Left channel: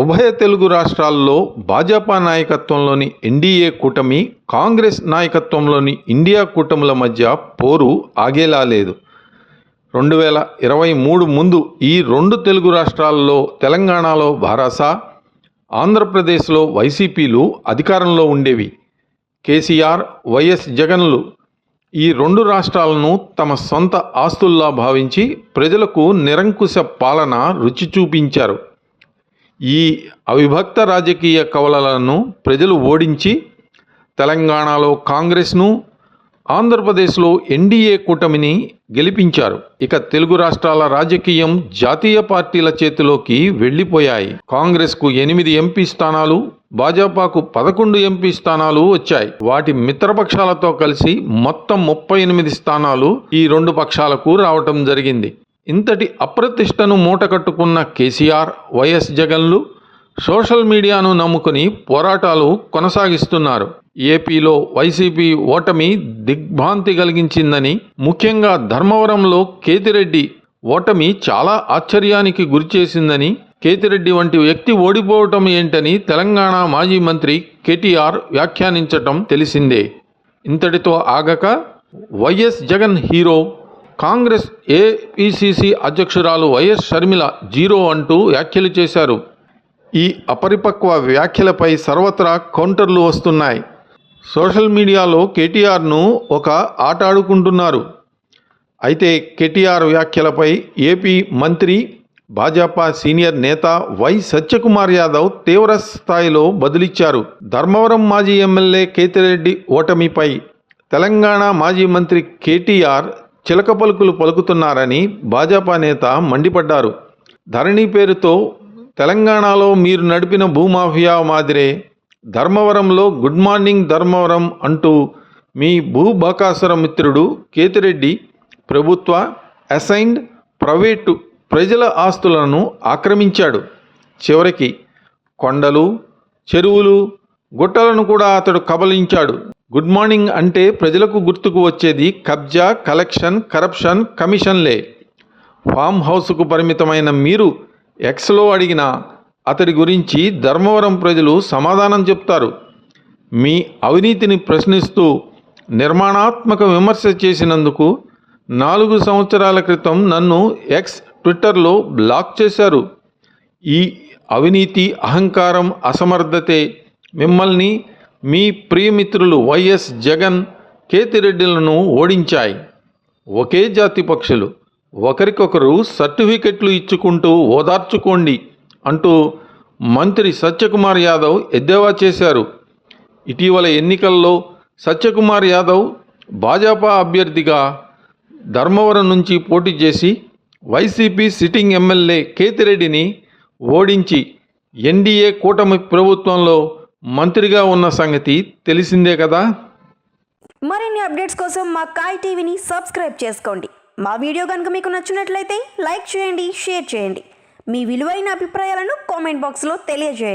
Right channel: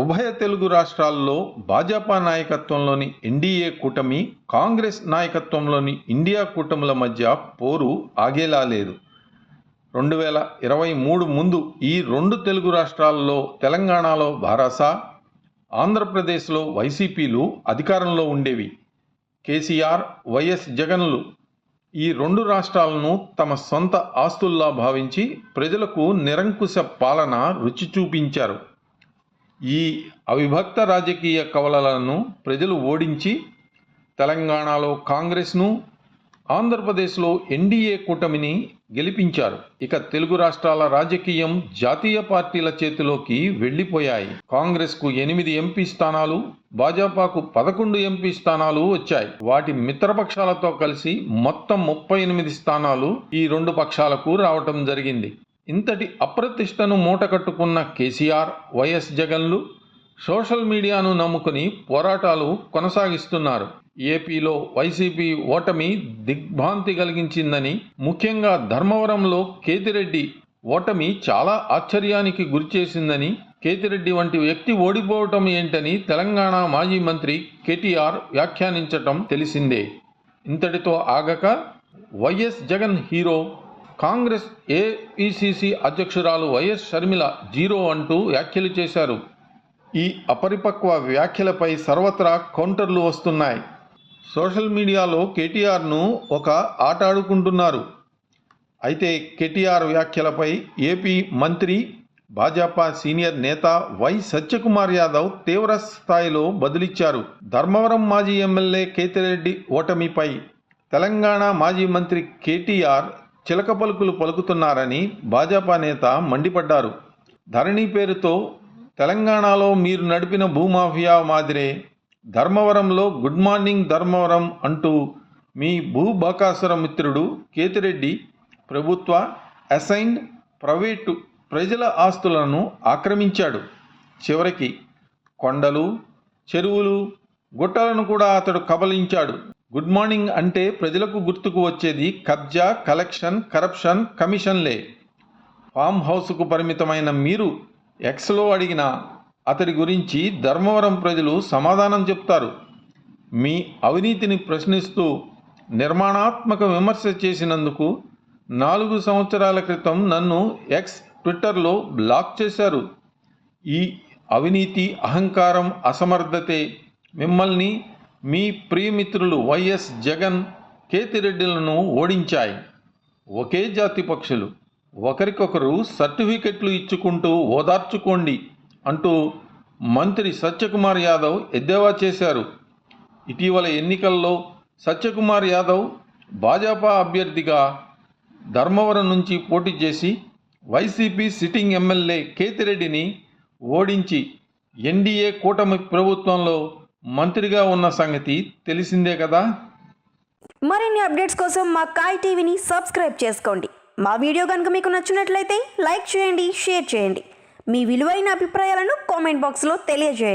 ఉభయ తెలుగు రాష్ట్రాల్లో భాజపా నాయకత్వంలోని ఎన్డీఏ కూటమి, కాంగ్రెస్ నాయకత్వంలోని ఇండియా కూటముల మధ్య పోరు ఆగేలా లేదు. 2023 ముందు ఈ రెండు తెలుగు రాష్ట్రాల్లో తెలంగాణలో భారాస, ఆంధ్రప్రదేశ్లో వైసీపీలు అధికారంలో ఉండేవి. కేసీఆర్, వైఎస్ జగన్లు ఈ రెండు రాష్ట్రాలను తమ సొంత ఆస్తుల్లా భావించి ప్రజలకు నిరంకుశ పాలన రుచి చూపించారు. ఈ అవిభక్త రాజకీయ కవలలను ప్రజలు ఓడించి తెలంగాణలో కాంగ్రెస్ను, ఆంధ్రప్రదేశ్లో ఎన్డీఏ కూటమిని గెలిపించారు. ఇక తెలుగు రాష్ట్రాల రాజకీయం జాతీయ పార్టీల చేతిలోకి వెళ్ళిపోయాయి. కాంగ్రెస్కు 8 ఎంపీ స్థానాలు, భాజపాకు 11 ఎంపీ స్థానాలు వచ్చాయి. వాటి మిత్రపక్షాలతో కలిసి మొత్తం 38 స్థానాలు ఈ రెండు పక్షాలకు రావటం జరిగింది. ఇంతటి అప్రతిష్టను మూటకట్టుకున్న కేసీఆర్, వైఎస్ జగన్లు సోషల్ మీడియాను నమ్ముకుని పోరాటాలు కొనసాగిస్తున్నారు. ఏపీలో వైసీపీ ఓటమి దిగ్భ్రాంతి కలిగించిందని, ముఖ్యంగా ధర్మవరంలో కేతిరెడ్డి ఓటమి చాలా ఆశ్చర్యానికి గురిచేసిందని, కేతిరెడ్డి వంటి వ్యక్తి ఓడిపోవటం ఏంటని తెలంగాణ మాజీ మంత్రి కేటీఆర్ వ్యాఖ్యానించటం తెలిసిందే. ఇంతటితో ఆగక వైఎస్ జగన్ హీరో, కాంగ్రెస్ ఏపీసీసీ అధ్యక్షురాలు వైఎస్ షర్మిల జీరో అంటూ వ్యాఖ్యలు చేశారు. ఈ అపరిపక్వ వ్యాఖ్యలపై సర్వత్రా కౌంటర్లు వస్తున్నాయి. సోషల్ మీడియాలో కేటీఆర్ను ఒక ఆట ఆడుకుంటున్నారు. అయితే కేటీఆర్ వ్యాఖ్యలపై ఏపీ మంత్రి, భాజపా సీనియర్ నేత వై సత్యకుమార్ యాదవ్ తీవ్ర స్థాయిలో బదులిచ్చారు. ధర్మవరం మాజీ ఎమ్మెల్యే కేతిరెడ్డి ఓటమిపై తెలంగాణ మాజీ మంత్రి కేటీఆర్ చిలక పలుకులు పలుకుతున్నారని భాజపా నేత మండిపడ్డారు. ధరణి పేరుతో తెలంగాణలో మీరు నడిపిన భూమాఫియా మాదిరే ధర్మవరంలో గుడ్ మార్నింగ్ ధర్మవరం అంటూ మీ భూబకాసుర మిత్రుడు కేతిరెడ్డి ప్రభుత్వ, అసైన్డ్, ప్రైవేటు ప్రజల ఆస్తులను ఆక్రమించాడు. చివరికి కొండలు, చెరువులు, గుట్టలను కూడా అతడు కబలించాడు. గుడ్ మార్నింగ్ అంటే ప్రజలకు గుర్తుకు వచ్చేది కబ్జా, కలెక్షన్, కరప్షన్, కమిషన్లే. ఫామ్ హౌస్కు పరిమితమైన మీరు ఎక్స్లో అడిగిన అతడి గురించి ధర్మవరం ప్రజలు సమాధానం చెప్తారు. మీ అవినీతిని ప్రశ్నిస్తూ నిర్మాణాత్మక విమర్శ చేసినందుకు 4 సంవత్సరాల క్రితం నన్ను ఎక్స్ ట్విట్టర్లో బ్లాక్ చేశారు. ఈ అవినీతి, అహంకారం, అసమర్థతే మిమ్మల్ని, మీ ప్రియమిత్రులు వైఎస్ జగన్, కేతిరెడ్డిలను ఓడించాయి. ఒకే జాతి పక్షులు, ఒకరికొకరు సర్టిఫికెట్లు ఇచ్చుకుంటూ ఓదార్చుకోండి అంటూ మంత్రి సత్యకుమార్ యాదవ్ ఎద్దేవా చేశారు. ఇటీవల ఎన్నికల్లో సత్యకుమార్ యాదవ్ భాజపా అభ్యర్థిగా ధర్మవరం నుంచి పోటీ చేసి వైసీపీ సిట్టింగ్ ఎమ్మెల్యే కేతిరెడ్డిని ఓడించి ఎన్డీఏ కూటమి ప్రభుత్వంలో మంత్రిగా ఉన్న సంగతి తెలిసిందే కదా. మరిన్ని అప్డేట్స్ కోసం మా కాయ్ టీవీని సబ్స్క్రైబ్ చేసుకోండి. మా వీడియో కనుక మీకు నచ్చినట్లయితే లైక్ చేయండి, షేర్ చేయండి. మీ విలువైన అభిప్రాయాలను కామెంట్ బాక్స్లో తెలియజేయండి.